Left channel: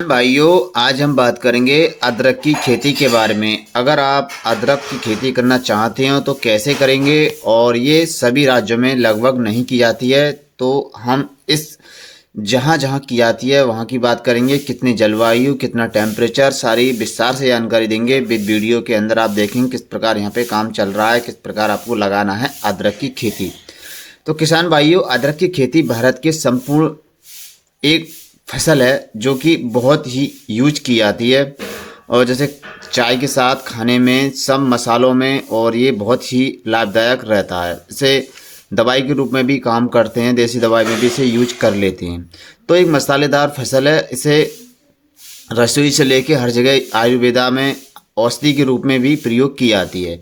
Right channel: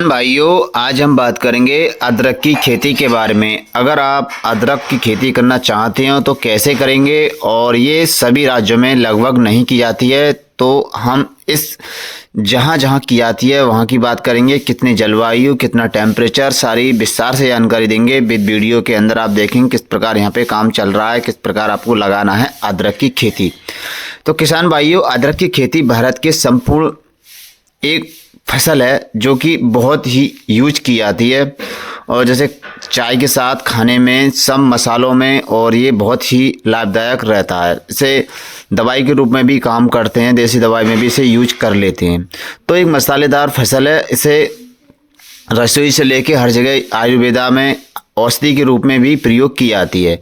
भाइयों, आज हम बात करेंगे अदरक की खेती के बारे में। अगर आप अदरक की खेती करना चाहते हो तो कैसे करेंगे, और ये सभी राज्यों में लगभग नहीं की जाती है। तो हम इस जहाँ जहाँ की जाती है वहाँ की बात करेंगे, कितनी जलवायु, कितना टेम्परेचर, सारी विस्तार से जानकारी देंगे। विद वीडियो के अंदर आप देखेंगे किस प्रकार यहाँ पे काम चल रहा है, किस प्रकार आपको लगाना है अदरक की खेती। तो किसान भाइयों, अदरक की खेती भारत के संपूर्ण एक फसल है जो कि बहुत ही यूज की जाती है, और जैसे चाय के साथ, खाने में, सब मसालों में, और ये बहुत ही लाभदायक रहता है। इसे दवाई के रूप में भी काम करते हैं, देसी दवाई में भी इसे यूज कर लेते हैं। तो एक मसालेदार फसल है। इसे रसोई से लेके हर जगह आयुर्वेदा में औषधि के रूप में भी प्रयोग की जाती है।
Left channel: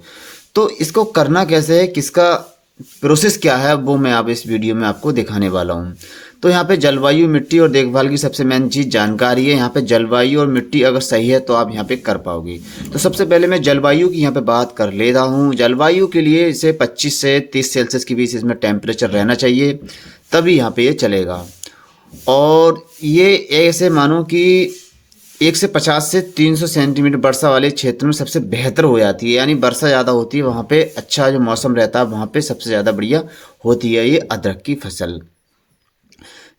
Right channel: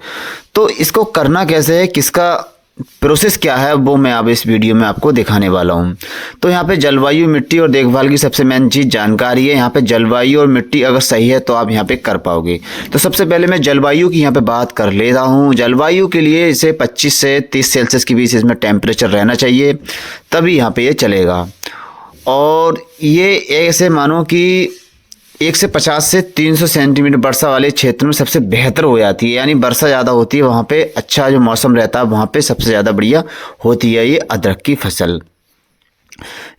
तो इसको करना कैसे है, किसका प्रोसेस क्या है, वो मैं अब इस वीडियो में आपको दिखाने वाला हूँ। तो यहाँ पे जलवायु, मिट्टी और देखभाल की सबसे मेन चीज़ जानकारी है। यहाँ पे जलवायु और मिट्टी अगर सही है तो आप यहाँ पे कर पाओगे। तो सबसे पहले मैं जलवायु की यहाँ पे बात कर लेता हूँ। जलवायु के लिए इसे 25 से 30 सेल्सियस के बीच इसमें टेम्परेचर रहना चाहिए, तभी यहाँ पे ये चलेगा। और ये ऐसे मानो कि 150 से 300 सेंटीमीटर वर्षा वाले क्षेत्र में सबसे बेहतर हो जाती है। यानी वर्षा ज़्यादा होती है वहाँ पे, अच्छा जो मौसम रहता है वहाँ पे सबसे ज़्यादा बढ़िया होती है ये अदरक की फसल।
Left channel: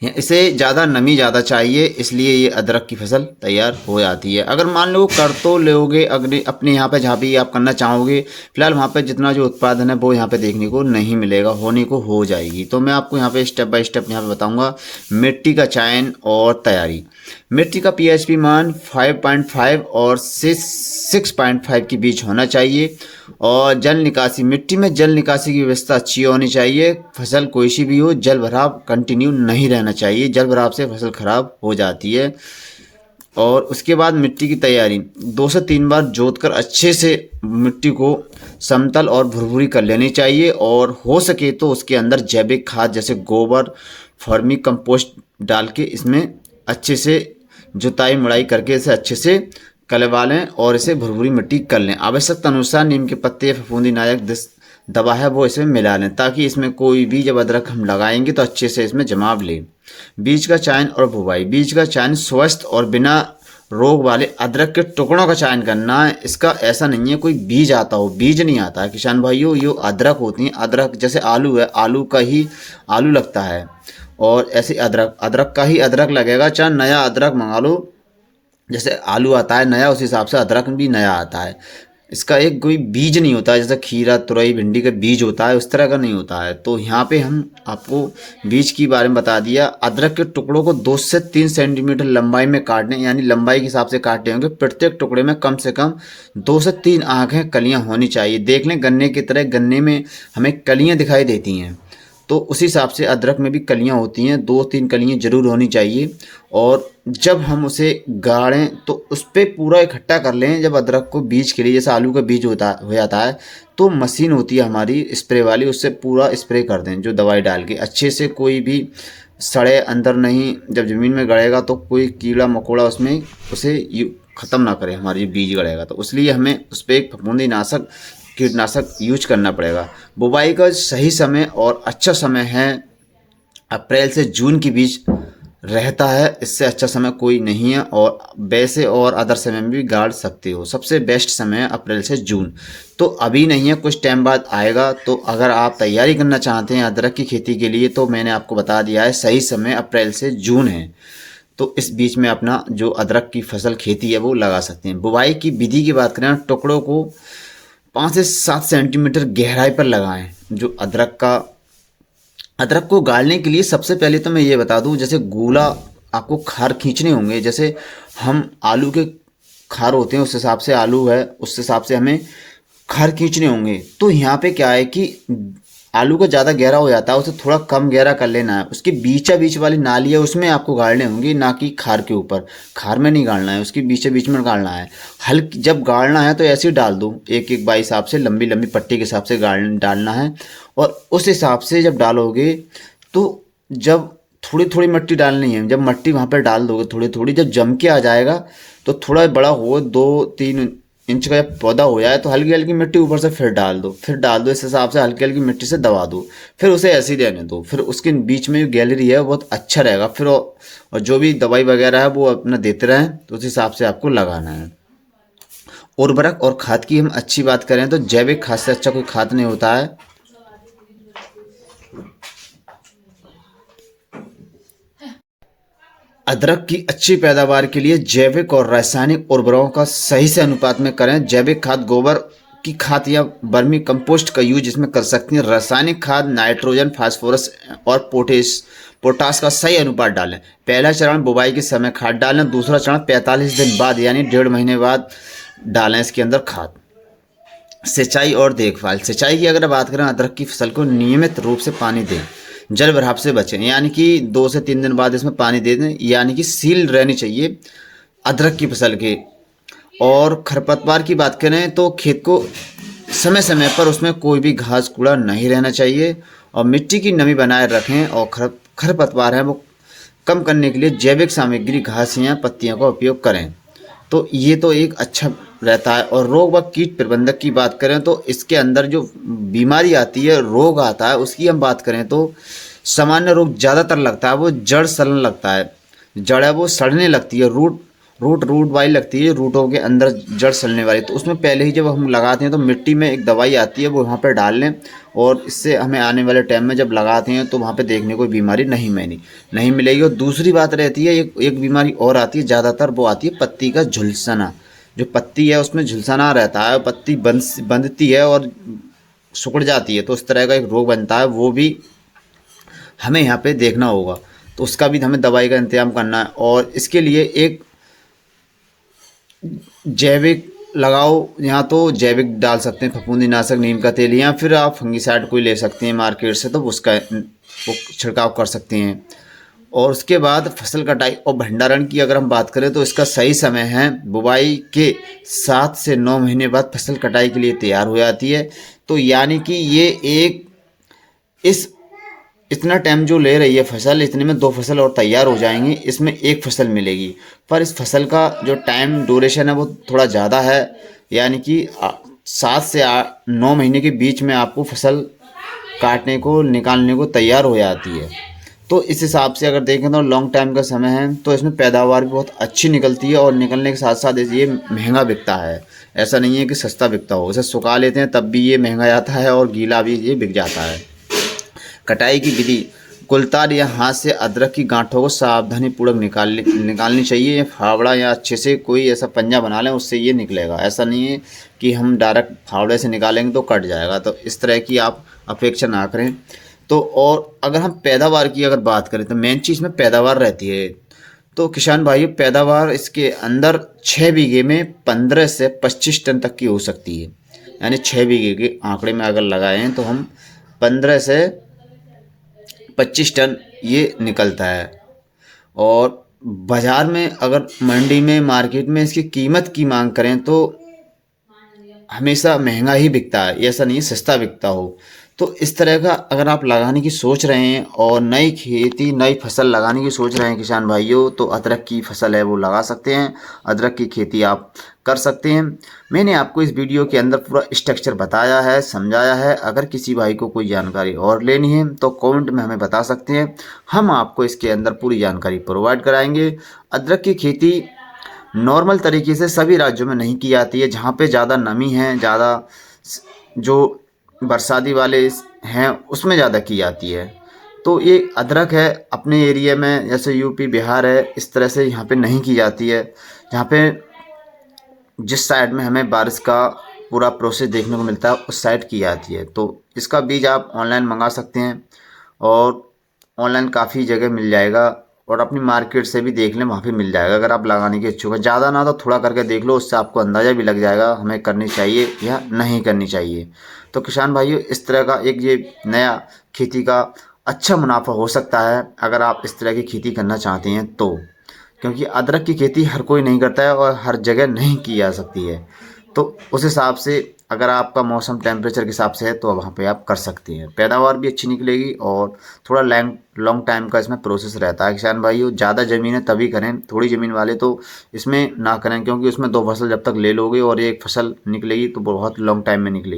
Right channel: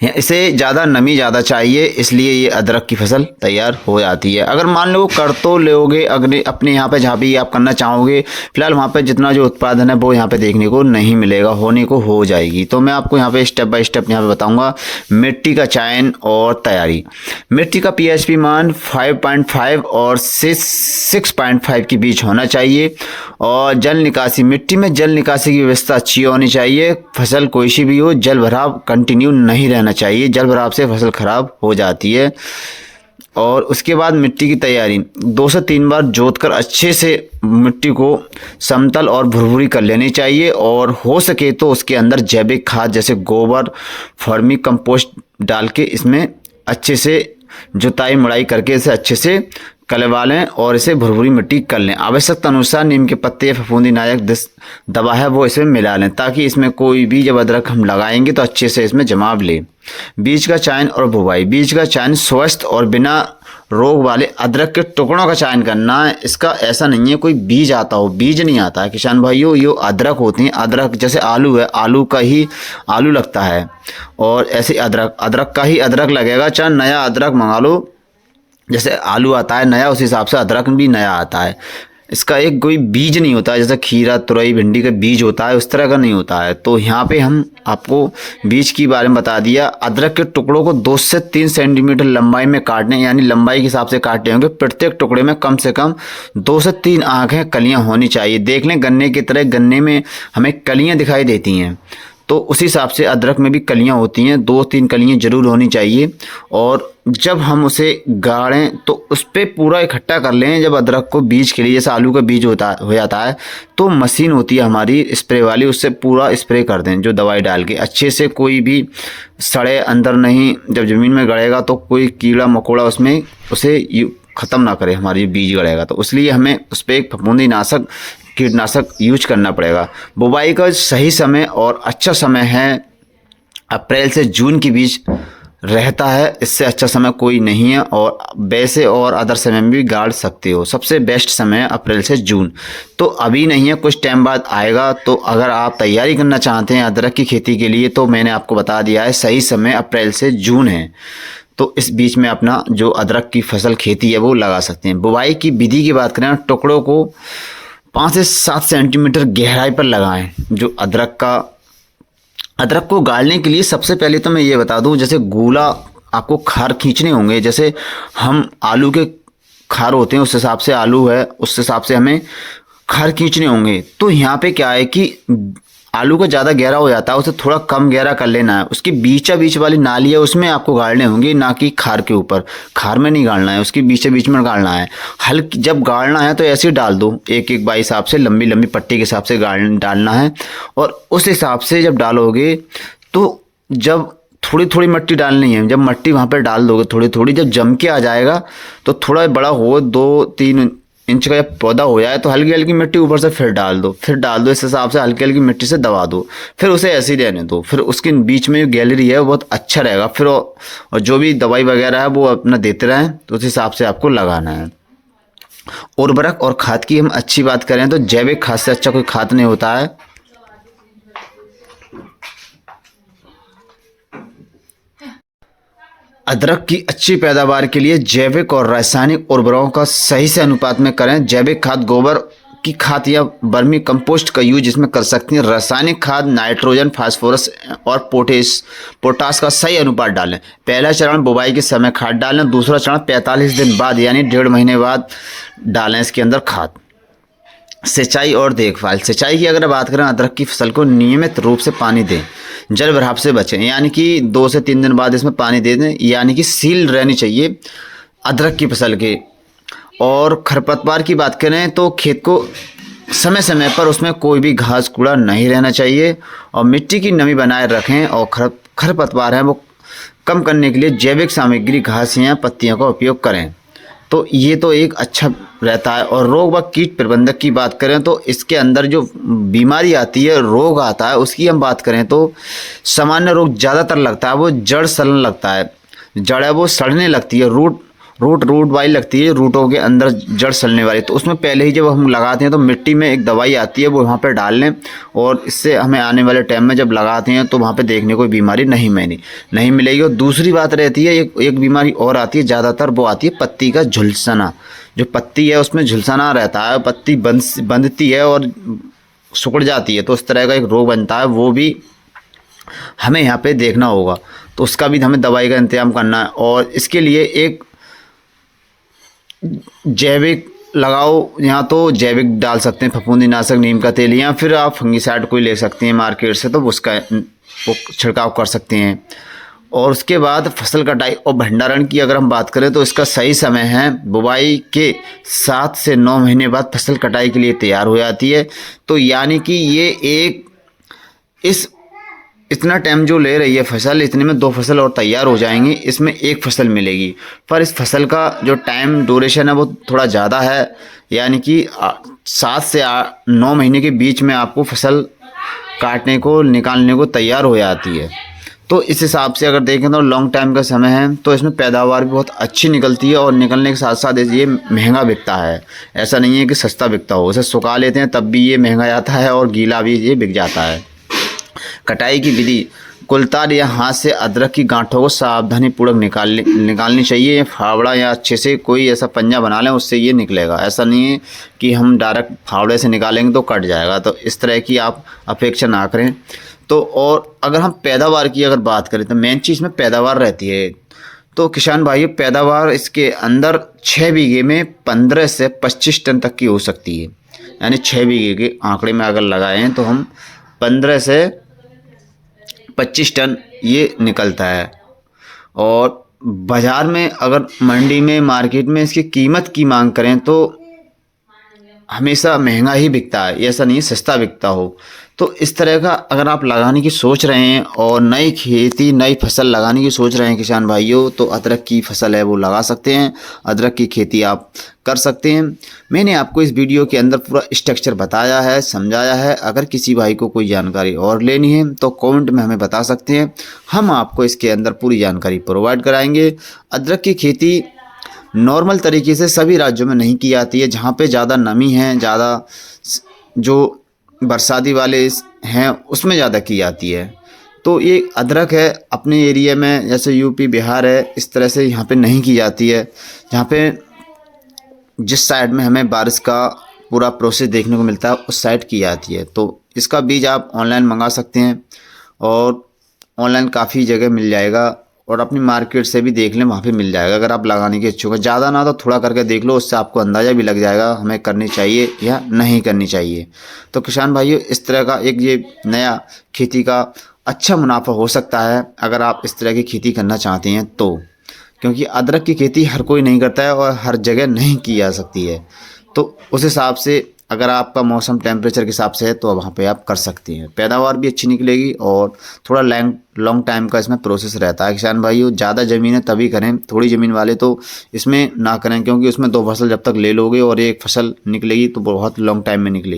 इसे ज़्यादा नमी ज़्यादा चाहिए, इसलिए ये अदरक की फसल तैयार हो जाती है। अगर मान लो कर तो लोगे अगले अपने यहाँ पे जहाँ भी आप करना चाहोगे, फिलहाल वहाँ पे जितना जो उत्पादन है वो यहाँ पे देखने को नहीं मिलेगा, होने को हो जाएगी। तो मैं आपको यहाँ पे स्टेप बाय स्टेप यहाँ पे बताऊँगा मिट्टी का चयन और तैयारी। मिट्टी का पीएचपी मान 5.5 और 6.5 के बीच होना चाहिए। और जल निकासी, मिट्टी में जल निकासी की व्यवस्था अच्छी होनी चाहिए। फसल कोई सी भी हो, जल भराव कंटिन्यू नहीं रहना चाहिए, जल भराव से फसल खराब हो जाती है। और उसके बाद मिट्टी की तैयारी, 2 से 3 बार जोतकर अच्छे से मिट्टी को समतल और भुरभुरी कर लेनी चाहिए। और हो सके तो उसके अंदर जैविक खाद जैसे गोबर, फर्मी कंपोस्ट डाल के इसमें अच्छे से जुताई मुड़ाई करके इसे अच्छे से कलवा लें और इसे भुरभुरी मिट्टी कर लें। आवश्यकता अनुसार नीम के पत्ते या फफूंदी नाशक दवा है वो इसमें मिला लें, ताकि इसमें कोई भी जब अदरक हम लगाएंगे तो अच्छे से इसमें जमाव ले। बीज का चयन और बुवाई, बीज का चयन स्वस्थ और बिना रोग वाले अदरक के टुकड़ों का चयन करना है। इसका ऐसा नहीं है कोई बीज आता हो, बीज नहीं आता है किसान भाइयों। ये अदरक होते हैं, अदरक जैसे आलू है, आलू का ही आलू लगता है, और ऐसे अदरक, अदरक का ही अदरक लगेगा। चाहे नया अदरक मंगा लो, जैसे आलू आता है नया, उस हिसाब से अदरक भी नया आता है। इसका एक कोई बीज नहीं होता है, जैसे खीरा, तुरई, भिंडी का बीज होता है उस तरह का नहीं होता है। तो यहाँ पे हम आपको बीज के बारे में बता दिया। अदरक के टुकड़ों को 2 से 3 सेंटीमीटर लंबाई में काटने, यानी लंबाई के हिसाब से काटने होंगे। प्रत्येक टुकड़े में कम से कम 2 से 3 आँखें कलियाँ होनी चाहिए। देख लें गन्ने की तरह, गन्ने में हमें कलियाँ दिखाई देती हैं, तो उस हिसाब से अदरक में भी कलियां होती हैं, 2-3 कलियां जरूर होनी चाहिए। और जब हम उसे गाड़ें तो उस पर पूरा इकट्ठा कर लें। जब अदरक को बीज के लिए, जैसे आलू का बीज होता हो जाता है, तो मशीन होती है हमारी स्प्रे वाली, उससे पूरा स्प्रे कर दें जो दवाई डाल के अच्छे से। कोई भी सड़े अंदर नहीं, जब ज़मीन में गड़ेगा तो कोई कीड़ा मकोड़ा उसमें उसे ख़त्म ना करे, हमारी बीज गड़ेगा तो। इसलिए हमें उस पर एक फफूंदी नाशक, कीटनाशक यूज करना पड़ेगा। बुवाई का सही समय और अच्छा समय है अप्रैल से जून के बीच रहता है, इससे अच्छा समय कोई नहीं है। और वैसे और अदर समय में भी गाड़ सकते हो, सबसे बेस्ट समय है अप्रैल से जून। तो अभी नहीं है, कुछ टाइम बाद आएगा। तो अगर आप तैयारी करना चाहते हैं अदरक की खेती के लिए, तो मैंने आपको बता दिया है सही समय अप्रैल से जून है। तो इस बीच में अपना जो अदरक की फसल खेती है वो लगा सकते हैं। बुवाई की विधि की बात करें, टुकड़ों को 5 से 7 सेंटीमीटर गहराई पर लगाएं। जो अदरक को गाड़ने के लिए सबसे पहले तो मैं ये बता दूं, जैसे गोला आपको खार खींचने होंगे। जैसे हम आलू के खार होते हैं उस हिसाब से आलू है, उस हिसाब से हमें खार खींचने होंगे। तो यहाँ पे क्या है कि आलू का ज़्यादा गहरा हो जाता है, उसे थोड़ा कम गहरा कर लेना है। उसकी बीचा बीच वाली नाली है उसमें आपको गाड़ने होंगे, ना कि खार के ऊपर। खार में नहीं गाड़ना है, उसकी बीचे बीच में गाड़ना है। हल्की जब गाड़ना है तो ऐसे ही डाल दो, एक एक बाई हिसाब से, लंबी लंबी पट्टी के हिसाब से डालना है। और उस हिसाब से जब डालोगे तो जब थोड़ी थोड़ी मिट्टी डालनी है, जब मिट्टी वहाँ पर डाल दोगे थोड़ी थोड़ी, जब जम के आ जाएगा तो थोड़ा बड़ा हो, 2-3 इंच का जब पौधा हो जाए तो हल्की हल्की मिट्टी ऊपर से फिर डाल दो, इस हिसाब से हल्की हल्की मिट्टी से दबा दो, फिर उसे ऐसे ही रहने दो। फिर उसके बीच में जो गैलरी है वो बहुत अच्छा रहेगा। फिर और जो भी दवाई वगैरह है वो अपना देते रहें, तो उस हिसाब से आपको लगाना है। उर्वरक और खाद की हम अच्छी बात करें तो जैविक खाद से अच्छा कोई खाद नहीं होता है। अदरक की अच्छी पैदावार के लिए जैविक और रासायनिक उर्वरकों का सही से अनुपात में करें। जैविक खाद गोबर की खाद या वर्मी कंपोस्ट का यूज इसमें कर सकती हैं। रासायनिक खाद नाइट्रोजन, फास्फोरस और पोटास का सही अनुपात डालें। पहला चरण बुवाई के समय खाद डालें, दूसरा चरण 45 दिन बाद यानी 1.5 महीने बाद डालें इसके अंदर खाद। सिंचाई और देखभाल। सिंचाई की अगर बात करें, अदरक की फसल को नियमित रूप से पानी दें, जल भराव से बचें, यानी कि 2 से 3 दिन बाद इसमें पानी दे दें, यानी कि सील रहनी चाहिए अदरक की फसल की। और खरपतवार की बात करें तो खेत को समय समय पर उसमें कोई भी घास कूड़ा नहीं रहना चाहिए, और मिट्टी की नमी बनाए रखें। और खरपतवार है वो कम करने के लिए जैविक सामग्री, घास या पत्तियों का उपयोग करें। तो ये तो एक अच्छा रहता है। और रोग व कीट प्रबंधक की बात करें तो इसके अंदर जो बीमारी आती है, रोग आता है, उसकी हम बात करें तो सामान्य रोग ज़्यादातर लगता है वो जड़ सड़ने लगता है। जड़ है वो सड़ने लगती है, रूट वाली लगती है, रूटों के अंदर जड़ सड़ने वाली। तो उसमें पहले ही जब हम लगाते हैं तो मिट्टी में एक दवाई आती है वो वहाँ पर डाल लें, और इससे हमें आने वाले टाइम में जब लगाते हैं तो वहाँ पे देखने को बीमारी नहीं मिलेगी। और दूसरी बात रहती है, एक बीमारी और आती है ज़्यादातर, वो आती है पत्ती का झुलसना। जो पत्ती है उसमें झुलसना रहता है, पत्ती बंधती है और सिकुड़ जाती है, तो उस तरह का एक रोग बनता है, वो भी हमें यहाँ पे देखना होगा। तो उसका भी हमें दवाई का इंतजाम करना है। और इसके लिए एक जैविक लगाओ, यहाँ तो जैविक डाल सकते हैं, फफूंदीनाशक, नीम का तेल, या फिर आप फंगिसाइड कोई ले सकते हैं मार्केट से, तो उसका वो छिड़काव कर सकते हैं। और उसके बाद फसल कटाई और भंडारण की अगर हम बात करें तो इसका सही समय है बुवाई के 7 से 9 महीने बाद फसल कटाई के लिए तैयार हो जाती है। तो यानी कि ये एक इस इतना टाइम जो ले रही है फसल, इतने में 2 फसल और तैयार हो जाएंगी, इसमें 1 फसल मिलेगी। पर इस फसल का जो टाइम ड्यूरेशन है वो थोड़ा ज़्यादा है, यानी कि 7 से 9 महीने के बीच में आपको फसल काटने को, निकालने को तैयार हो जाती है। तो इस हिसाब से अगर देखें तो लॉन्ग टाइम का समय है, तो इसमें पैदावार भी बहुत अच्छी निकलती है, और निकलने के साथ साथ ये महंगा बिकता है। ऐसा नहीं है कि सस्ता बिकता हो, उसे सुखा लेते हैं तब भी ये महंगा जाता है, और गीला भी ये बिक जाता है। कटाई की विधि। कुलतार या हाथ से अदरक की गांठों को सावधानीपूर्वक निकालनी चाहिए, या फावड़ा या अच्छे से कोई ऐसा पंजा बना लें, उससे ये निकलेगा। ऐसा नहीं है कि हम डायरेक्ट फावड़े से निकालेंगे तो कट जाएगा, तो इस तरह की आप अपेक्षा ना करें। तो और अगर हम पैदावार की अगर बात करें तो मेन चीज़ में पैदावार रहती है। तो किसान भाइयों, पैदावार इसके अंदर 6 बीघे में 15 से 25 टन तक की हो सकती है। यानी 6 बीघे के आंकड़े में अगर लगाएं तो हम 15 से 25 टन ये निकलता है। और बाज़ार में अगर मंडी में, मार्केट में इसकी कीमत की मांग करें तो हमेशा महंगा ही बिकता है, ऐसा नहीं है सस्ता बिकता हो। तो इस तरह का अगर आप लगाने की सोच रहे हैं और नई फसल लगाने की सोच रहे हैं किसान भाइयों, तो अदरक की फसल है वो लगा सकते हैं, अदरक की खेती आप कर सकते हैं। मैंने आपको इस वीडियो के अंदर पूरा स्ट्रक्चर बताया है, समझाया है। अगर किसी भाई को कोई जानकारी और लेनी है तो कमेंट में हमें बता सकते हैं, हम आपको इसके अंदर पूरी जानकारी प्रोवाइड कराएंगे। अदरक की खेती नॉर्मल तरीके से सभी राज्यों में नहीं की जाती है, जहाँ पे ज़्यादा नमी है, ज़्यादा जो बरसाती वाले हैं उसमें ज़्यादा की जाती है। तो ये अदरक है अपने एरिया में, जैसे यूपी, बिहार है, इस तरह से यहाँ पे नहीं की जाती है। जहाँ पे जिस साइड में हमें बारिश का पूरा प्रोसेस देखने को मिलता है उस साइड की जाती है। तो इसका बीज आप ऑनलाइन मंगा सकते हैं, और ऑनलाइन काफ़ी जगह मिल जाएगा, और अपनी मार्केट से भी देख लें, वहाँ पे मिल जाएगा। अगर आप लगाने के इच्छुक हैं, ज़्यादा ना तो थोड़ा करके देख लो, उससे आपको अंदाज़ा भी लग जाएगा हमें करनी चाहिए या नहीं करनी चाहिए। तो किसान भाइयों, इस तरह का एक ये नया खेती का अच्छा मुनाफा हो सकता है अगर आप इस तरह की खेती करना चाहते हैं तो, क्योंकि अदरक की खेती हर कोई नहीं करता है और हर जगह नहीं की जा सकती है। तो उस हिसाब से अगर आपका मौसम टेम्परेचर के हिसाब से है तो वहाँ पे आप कर सकती हैं। पैदावार भी अच्छी निकलेगी और थोड़ा लॉन्ग टाइम का इसमें प्रोसेस रहता है। किसान भाइयों, ज़्यादा ज़मीन है तभी करें, थोड़ी ज़मीन वाले तो इसमें ना करें, क्योंकि उसमें 2 फसल जब तक ले लोगे और एक फसल निकलेगी तो बहुत लॉन्ग टाइम में निकलेगी।